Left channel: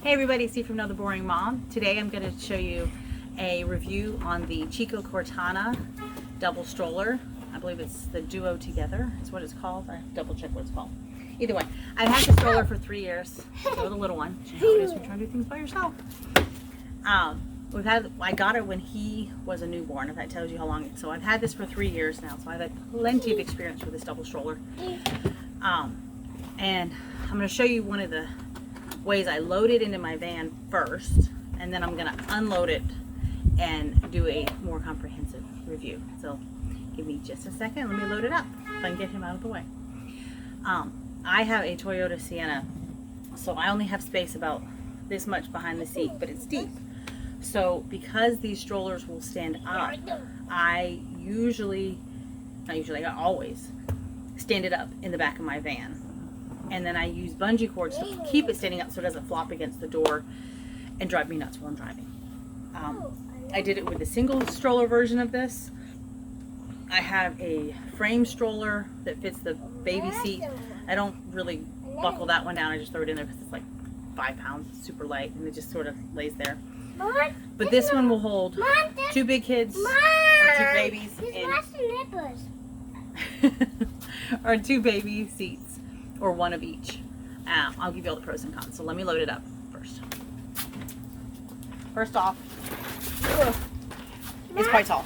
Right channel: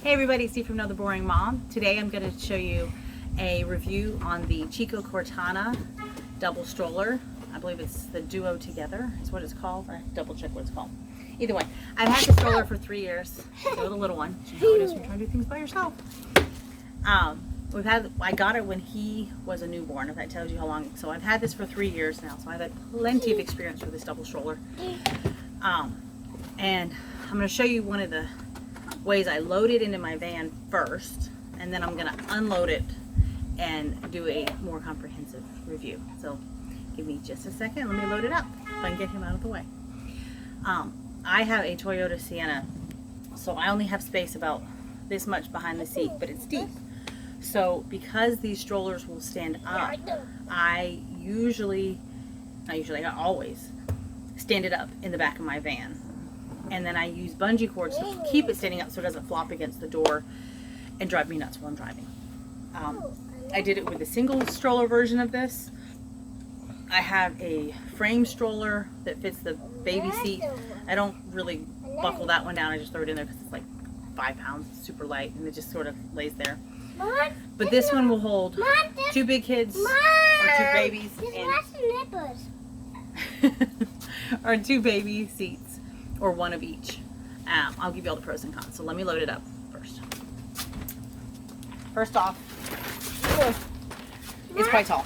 Hey everybody, Steve from Another Boring Mom. Today I'm going to show you a review on the Chicco Cortina Double Stroller. I believe it's the Duo Together is what it's called. I double check what it's called. Either way, I've had the stroller for 3 years. So the little one. You know how it is when you're trying to do things by yourself. I got it when he was a newborn, if that tells you how long. So I've had this for 3 years now. So I've had plenty of experience with this double stroller. And I'm going to show you one of the ways I load it into my van first, and then I'm going to unload it and do a more comprehensive review. So give me just a second. Let me load it up if I can get him out of the way. I have a Toyota Sienna, so I only have space about this much behind the seat, but it's deep. So because these strollers will stand up, I always stand it up in the back of my van. And then I use bungee cords to keep it standing up so it doesn't flop against the door and drive me nuts while I'm driving. I did it with a single stroller version of this. I have a frame stroller that fits the baby seat. I don't really buckle that one down. I just throw it in there because it's like 5 pounds. It's super light and it just sort of lays there. But this one will hold 2 big kids or 2 babies or 2 baby seats. Or one of each. I'll give you all the pros and cons. So let me load it up first. First off, it's quite tall.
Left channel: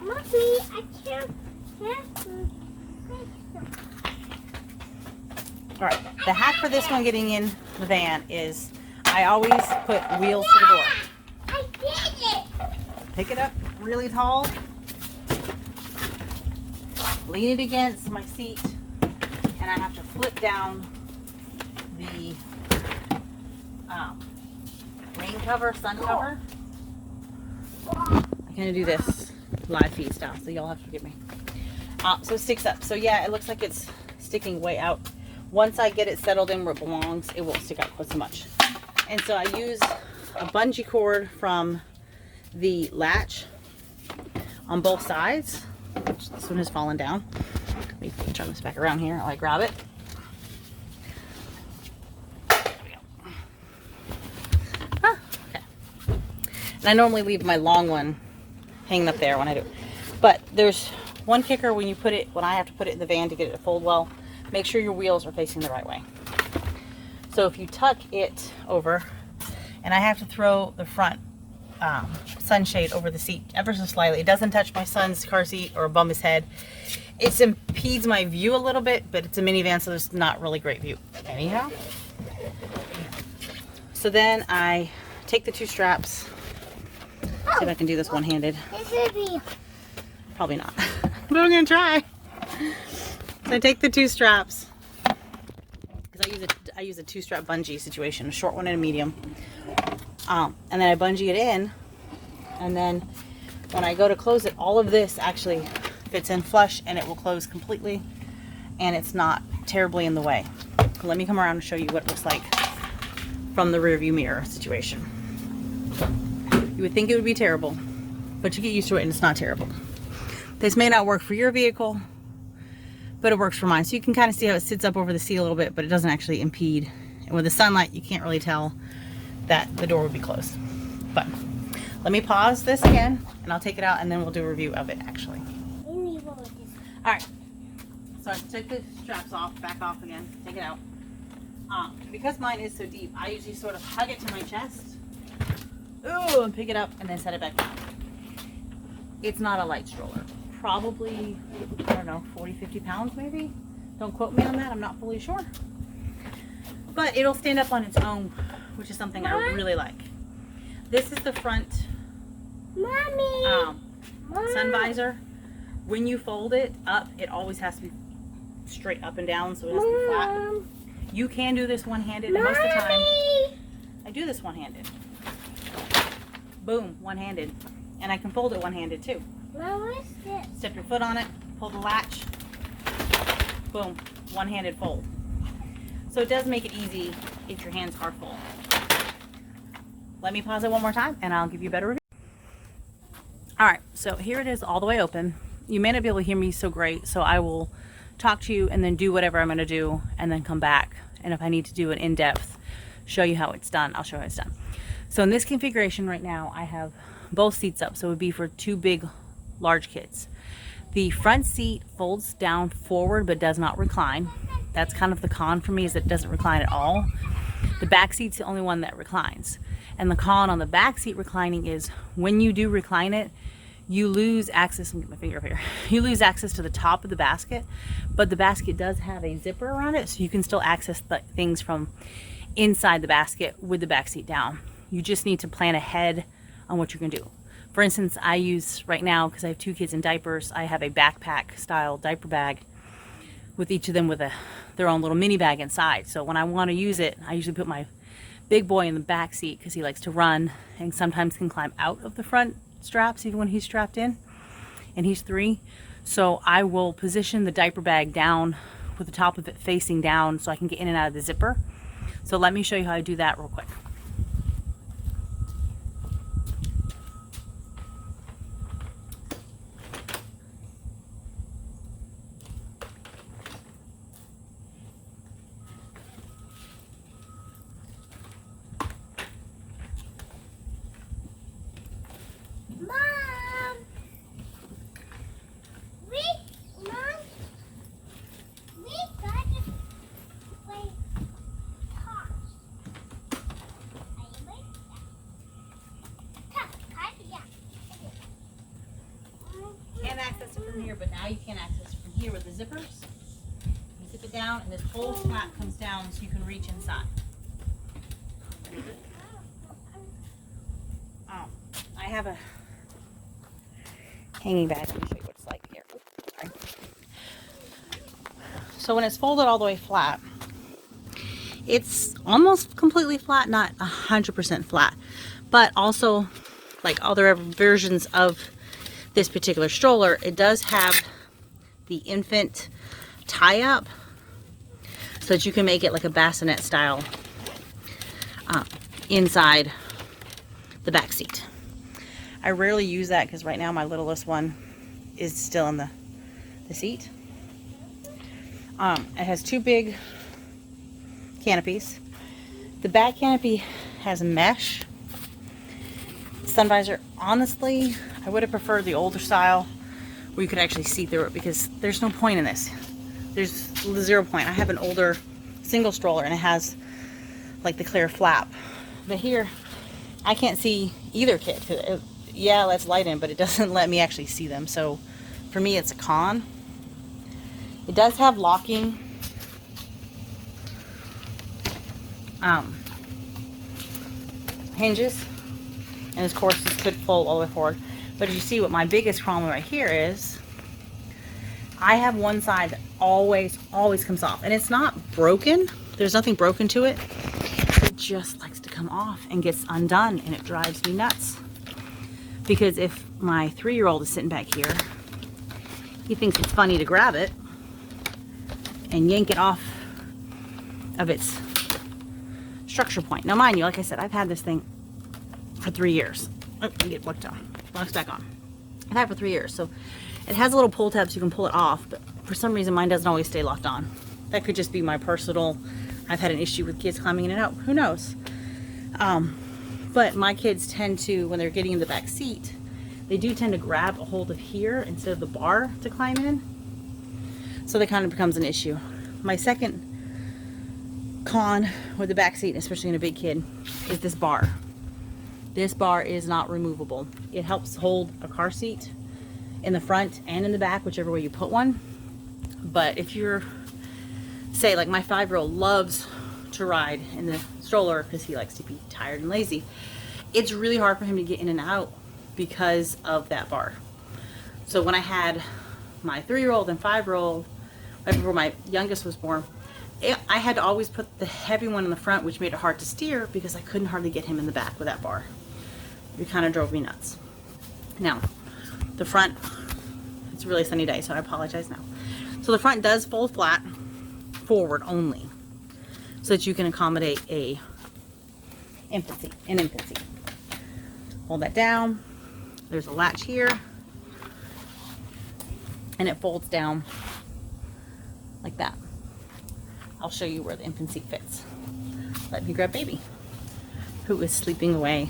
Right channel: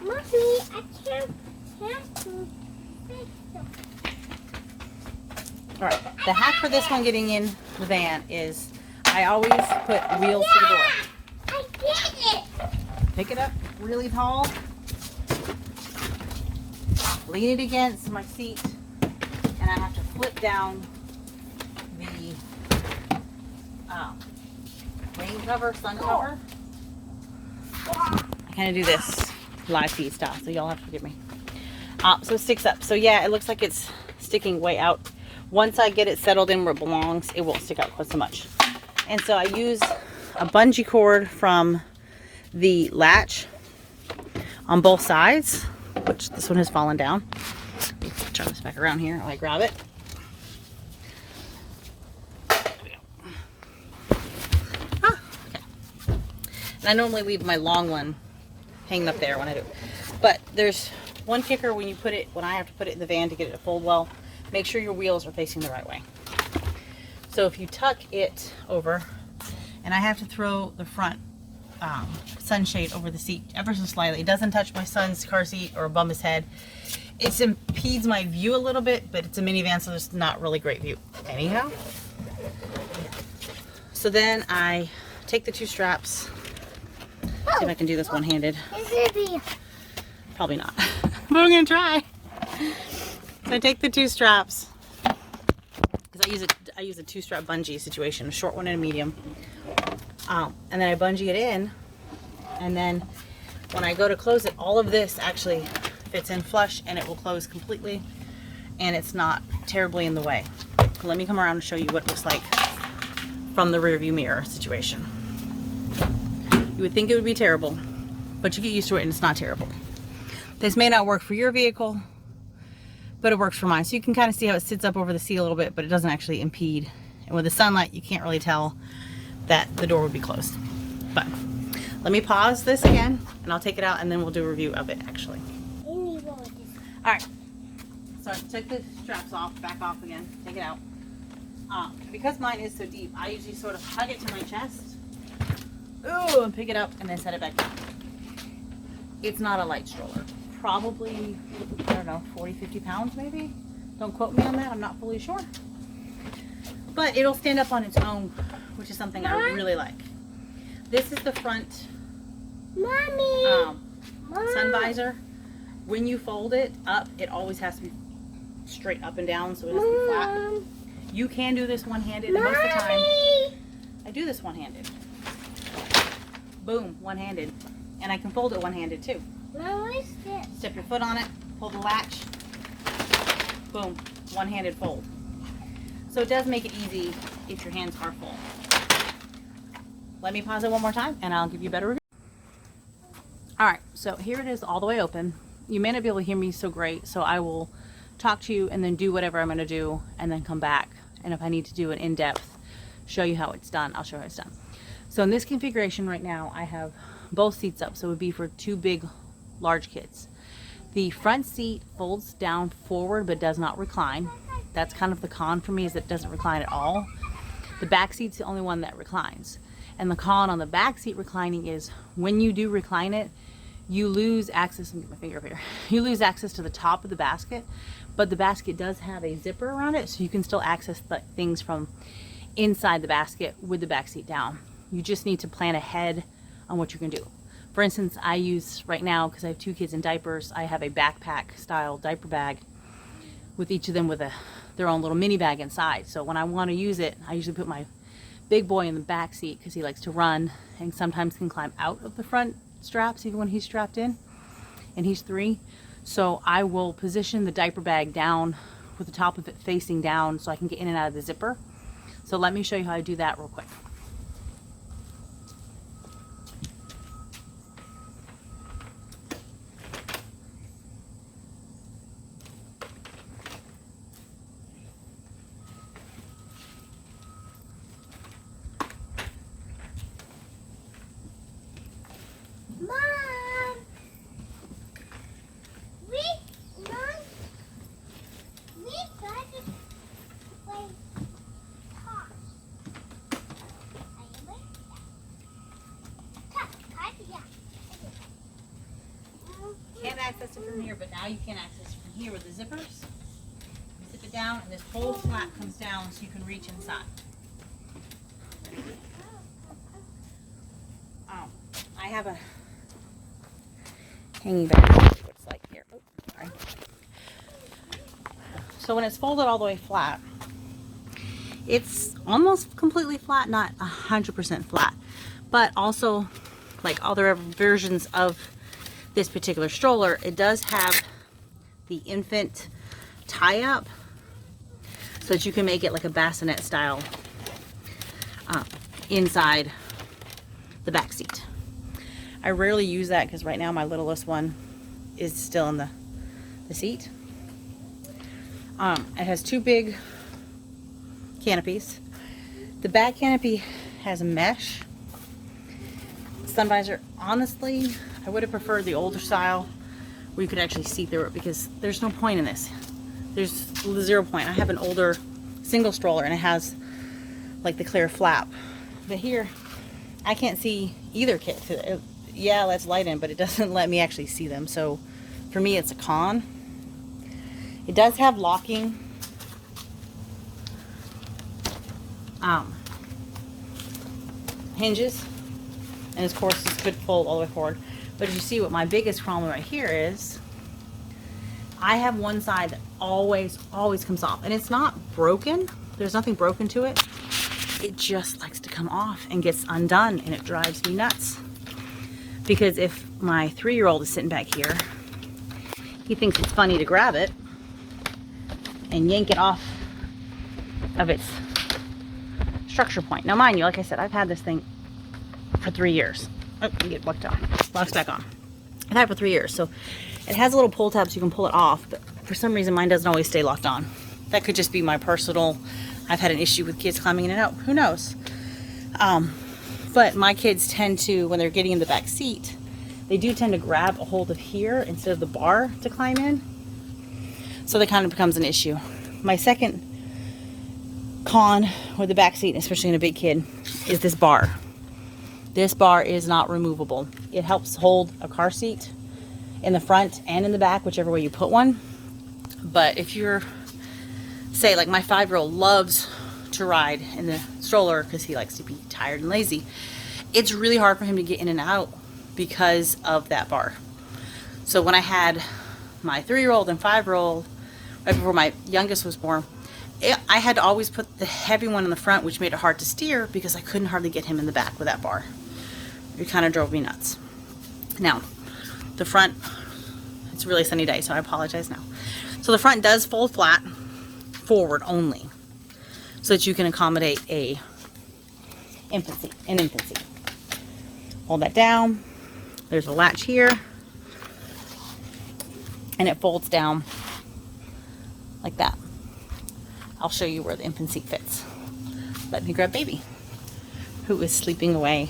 Mommy, I can't. All right, the hack for this one getting in the van is I always put wheels to the door. I did it. Pick it up really tall. Lean it against my seat. And I have to flip down the rain cover, sun cover. I kind of do this live feed style, so y'all have to forgive me. So it sticks up. So yeah, it looks like it's sticking way out. Once I get it settled in where it belongs, it won't stick out quite so much. And so I use a bungee cord from the latch on both sides, which this one has fallen down. Let me turn this back around here while I grab it. There we go. Okay. And I normally leave my long one hanging up there when I do. But there's one kicker when I have to put it in the van to get it to fold well. Make sure your wheels are facing the right way. So if you tuck it over, and I have to throw the front sunshade over the seat ever so slightly. It doesn't touch my son's car seat or bump his head. It impedes my view a little bit, but it's a minivan, so there's not really great view. Anyhow, so then I take the 2 straps. See if I can do this one-handed. Probably not, but I'm gonna try. So I take the 2 straps because I use a 2-strap bungee situation, a short one and a medium. And then I bungee it in, and then when I go to close it, all of this actually fits in flush and it will close completely and it's not terribly in the way. Let me come around and show you what it looks like from the rear view mirror situation. You would think it would be terrible, but you get used to it and it's not terrible. This may not work for your vehicle, but it works for mine. So you can kind of see how it sits up over the seat a little bit, but it doesn't actually impede. And with the sunlight, you can't really tell that the door would be closed. But let me pause this again and I'll take it out and then we'll do a review of it actually. Alright, so I took the straps off, back off again, take it out. Because mine is so deep, I usually sort of hug it to my chest. Ooh, and pick it up and then set it back down. It's not a light stroller. Probably, I don't know, 40, 50 pounds maybe? Don't quote me on that, I'm not fully sure. But it'll stand up on its own, which is something I really like. This is the front sun visor. When you fold it up, it always has to be straight up and down so it doesn't be flat. You can do this one-handed, and most of the time I do this one-handed. Boom, one-handed. And I can fold it one-handed too. What is this? Step your foot on it, pull the latch, boom, one-handed fold. So it does make it easy if your hands are full. Let me pause it one more time and I'll give you a better review. Alright, so here it is all the way open. You may not be able to hear me so great, so I will talk to you and then do whatever I'm going to do and then come back. And if I need to do an in-depth show you how it's done. I'll show you how it's done. So in this configuration right now, I have both seats up. So it would be for two big, large kids. The front seat folds down forward but does not recline. That's kind of the con for me, is that it doesn't recline at all. The back seat's the only one that reclines. And the con on the back seat reclining is when you do recline it, you lose access, let me get my finger up here. You lose access to the top of the basket, but the basket does have a zipper around it, so you can still access the things from inside the basket with the back seat down. You just need to plan ahead on what you're gonna do. For instance, I use right now, because I have two kids in diapers, I have a backpack style diaper bag with each of them with their own little mini bag inside. So when I want to use it, I usually put my big boy in the back seat because he likes to run and sometimes can climb out of the front straps even when he's strapped in, and he's 3. So I will position the diaper bag down with the top of it facing down so I can get in and out of the zipper. So let me show you how I do that real quick. Can't access it from here, but now you can access it from here with the zippers. You zip it down, and this whole slat comes down so you can reach inside. I have a hanging back. It's like here. Oops, sorry. So when it's folded all the way flat, it's almost completely flat, not 100% flat, but also like other versions of this particular stroller, it does have the infant tie-up so that you can make it like a bassinet style inside the back seat. I rarely use that because right now my littlest one is still in the seat. It has 2 big canopies. The back canopy has mesh. Sun visor, honestly, I would have preferred the older style where you could actually see through it, because there's no point in this. There's 0 point. I have an older single stroller and it has like the clear flap. But here, I can't see either kid. Yeah, let's light in, but it doesn't let me actually see them. So for me, it's a con. It does have locking hinges. And of course, this could fold all the way forward. But as you see, what my biggest problem right here is, I have one side that always comes off. And it's not broken. There's nothing broken to it. It just likes to come off and gets undone. And it drives me nuts. Because if my 3-year-old is sitting back here, he thinks it's funny to grab it and yank it off of its structure point. Now, mind you, like I said, I've had this thing for 3 years. Oh, let me get it locks back on. I've had it for 3 years, so it has a little pull tab so you can pull it off, but for some reason mine doesn't always stay locked on. That could just be my personal, I've had an issue with kids climbing in and out, who knows. But my kids tend to, when they're getting in the back seat, they do tend to grab a hold of here instead of the bar to climb in, so that kind of becomes an issue. My second con with the back seat, especially in a big kid, is this bar. This bar is not removable. It helps hold a car seat in the front and in the back, whichever way you put one. But if you're, say, like my 5-year-old loves to ride in the stroller because he likes to be tired and lazy, it's really hard for him to get in and out because of that bar. So when I had my 3-year-old and 5-year-old, right before my youngest was born, I had to always put the heavy one in the front, which made it hard to steer because I couldn't hardly get him in the back with that bar. It kind of drove me nuts. Now, the front, it's a really sunny day, so I apologize now. So the front does fold flat forward only, so that you can accommodate an infant seat. Hold that down. There's a latch here, and it folds down like that. I'll show you where the infant seat fits. let me grab baby, who is sleeping away.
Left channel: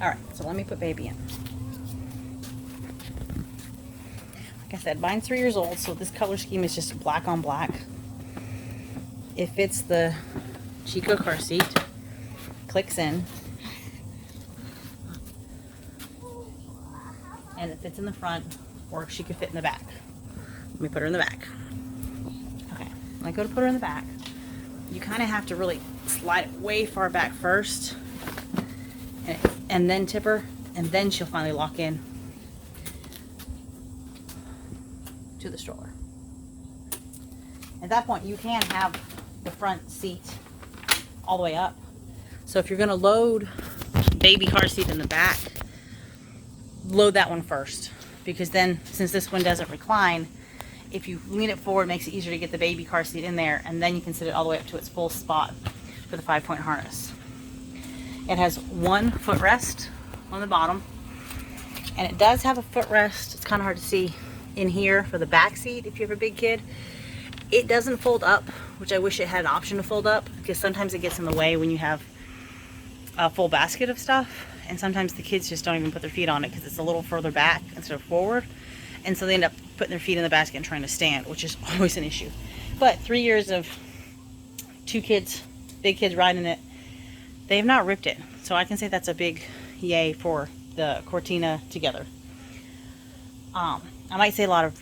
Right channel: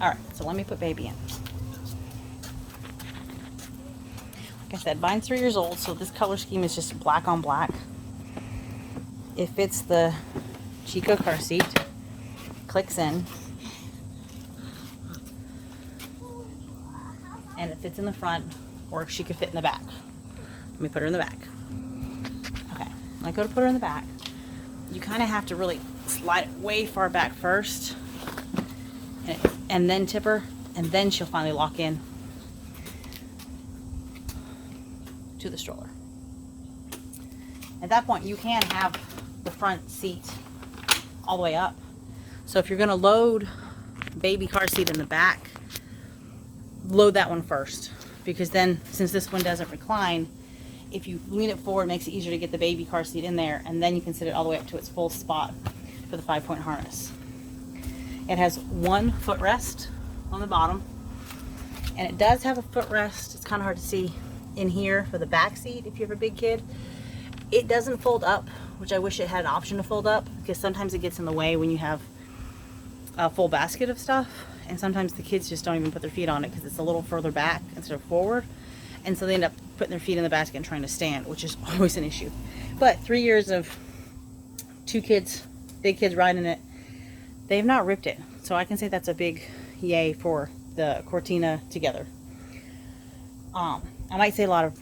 Alright, so let me put baby in. Like I said, mine's 3 years old, so this color scheme is just black on black. It fits the Chicco car seat, clicks in, and it fits in the front, or she could fit in the back. Let me put her in the back. Okay, when I go to put her in the back, you kind of have to really slide it way far back first, and then tip her, and then she'll finally lock in to the stroller. At that point, you can have the front seat all the way up. So if you're going to load baby car seat in the back, load that one first, because then, since this one doesn't recline, if you lean it forward, it makes it easier to get the baby car seat in there, and then you can sit it all the way up to its full spot for the 5-point harness. It has one footrest on the bottom, and it does have a footrest. It's kind of hard to see in here for the back seat if you have a big kid. It doesn't fold up, which I wish it had an option to fold up, because sometimes it gets in the way when you have a full basket of stuff, and sometimes the kids just don't even put their feet on it because it's a little further back instead of forward, and so they end up putting their feet in the basket and trying to stand, which is always an issue. But 3 years of 2 kids, big kids riding it, they have not ripped it, so I can say that's a big yay for the Cortina Together. I might say a lot of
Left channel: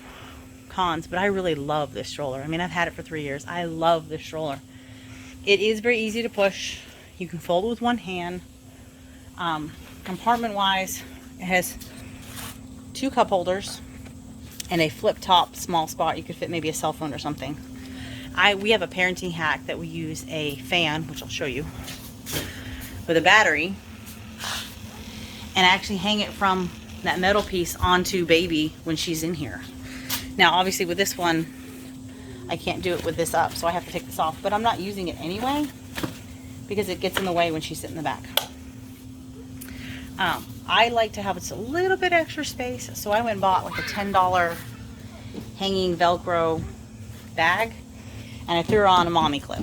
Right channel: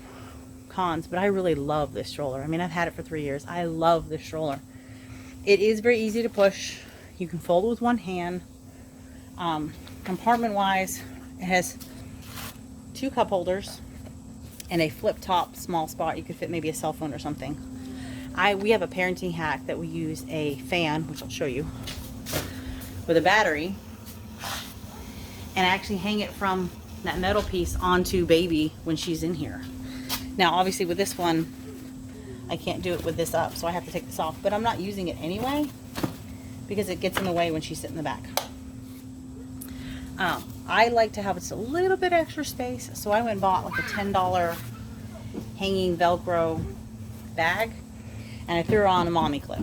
cons, but I really love this stroller. I mean, I've had it for 3 years. I love this stroller. It is very easy to push. You can fold it with one hand. Compartment wise, it has 2 cup holders and a flip top small spot. You could fit maybe a cell phone or something. We have a parenting hack that we use a fan, which I'll show you, with a battery, and actually hang it from that metal piece onto baby when she's in here. Now obviously with this one I can't do it with this up, so I have to take this off, but I'm not using it anyway because it gets in the way when she's sitting in the back. I like to have just a little bit extra space, so I went and bought like a $10 hanging Velcro bag, and I threw her on a mommy clip.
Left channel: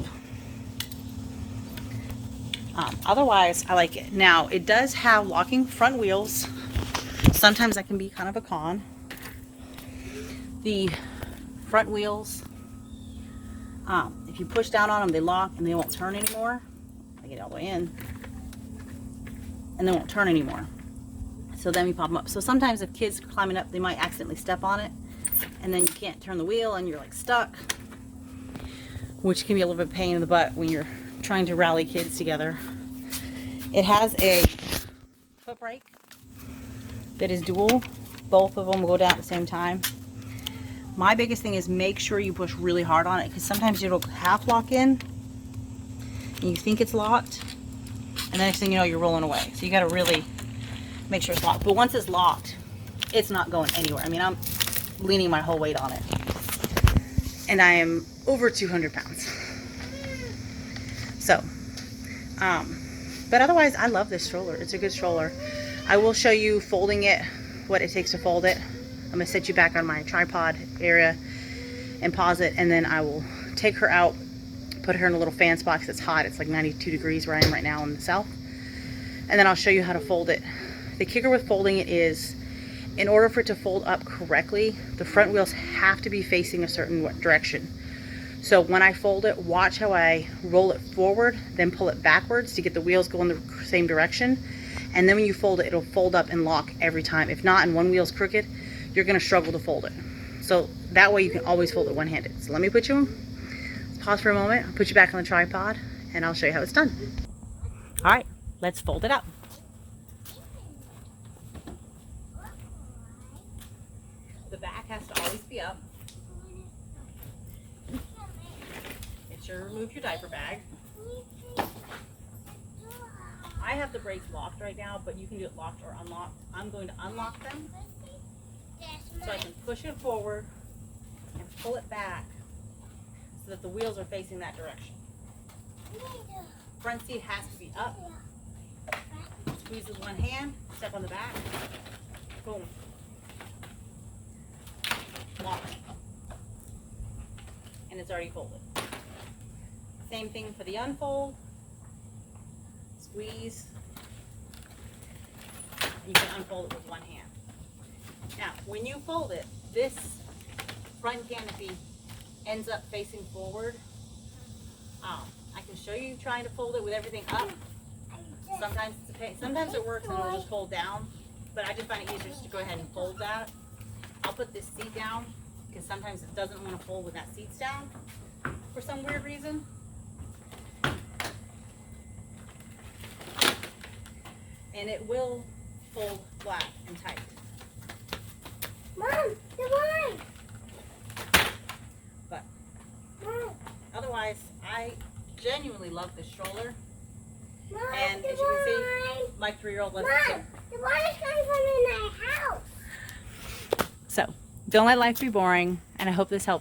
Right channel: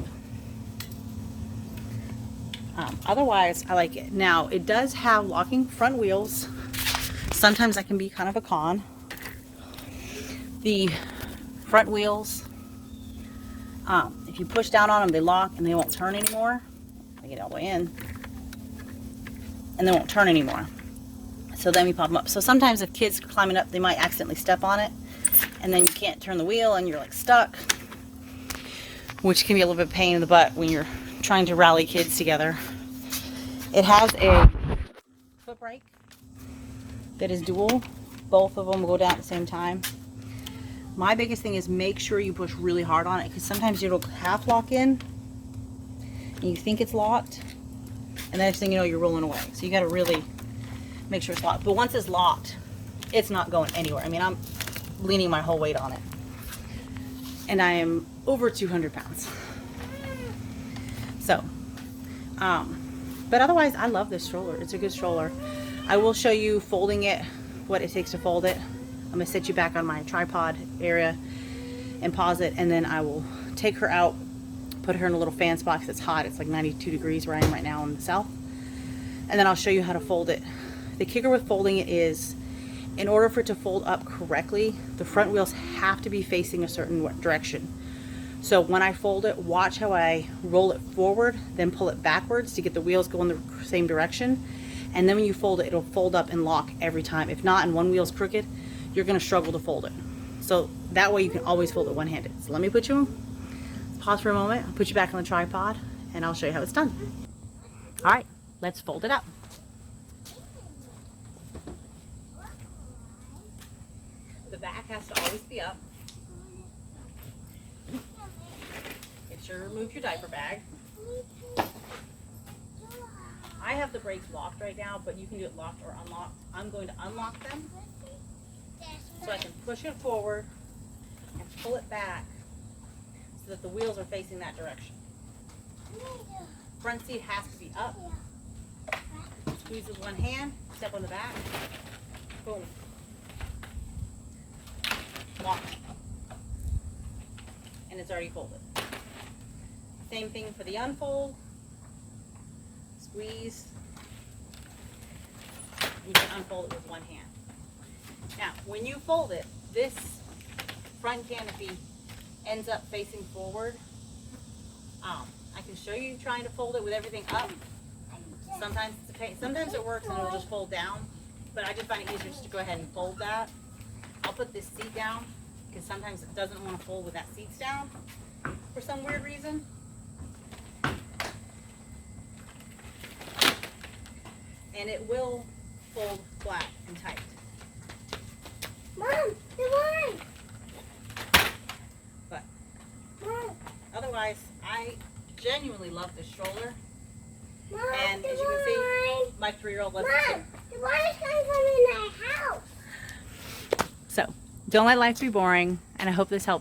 Otherwise I like it. Now it does have locking front wheels. Sometimes that can be kind of a con. The front wheels, if you push down on them, they lock and they won't turn anymore. I get it all the way in, and they won't turn anymore. So then we pop them up. So sometimes if kids are climbing up, they might accidentally step on it, and then you can't turn the wheel and you're like stuck, which can be a little bit of a pain in the butt when you're trying to rally kids together. It has a foot brake that is dual. Both of them will go down at the same time. My biggest thing is make sure you push really hard on it, because sometimes it'll half lock in and you think it's locked, and the next thing you know, you're rolling away. So you got to really make sure it's locked. But once it's locked, it's not going anywhere. I mean, I'm leaning my whole weight on it, and I am over 200 pounds. So, but otherwise, I love this stroller. It's a good stroller. I will show you folding it, what it takes to fold it. I'm going to set you back on my tripod area and pause it, and then I will take her out, put her in a little fan spot because it's hot. It's like 92 degrees where I am right now in the south. And then I'll show you how to fold it. The kicker with folding it is, in order for it to fold up correctly, the front wheels have to be facing a certain direction. So when I fold it, watch how I roll it forward, then pull it backwards to get the wheels going the same direction. And then when you fold it, it'll fold up and lock every time. If not, and one wheel's crooked, you're gonna struggle to fold it. So that way you can always fold it one-handed. So let me put you, pause for a moment, I'll put you back on the tripod, and I'll show you how it's done. All right, let's fold it up. The back has to always be up. Make sure to remove your diaper bag. I have the brakes locked right now, but you can do it locked or unlocked. I'm going to unlock them so I can push it forward and pull it back so that the wheels are facing that direction. Front seat has to be up. Squeeze with one hand, step on the back, boom. Lock. and it's already folded. Same thing for the unfold. Squeeze. You can unfold it with one hand. Now, when you fold it, this front canopy ends up facing forward. I can show you trying to fold it with everything up. Sometimes it's a pain. Sometimes it works and it'll just fold down, but I just find it easier just to go ahead and fold that. I'll put this seat down because sometimes it doesn't want to fold when that seat's down for some weird reason. And it will fold flat and tight. Mom, come on. But Mom, otherwise, I genuinely love this stroller. Mom, And the as you can see, wine. my 3-year-old loves Mom, it too. the water's coming from in my house. So, don't let life be boring, and I hope this helps.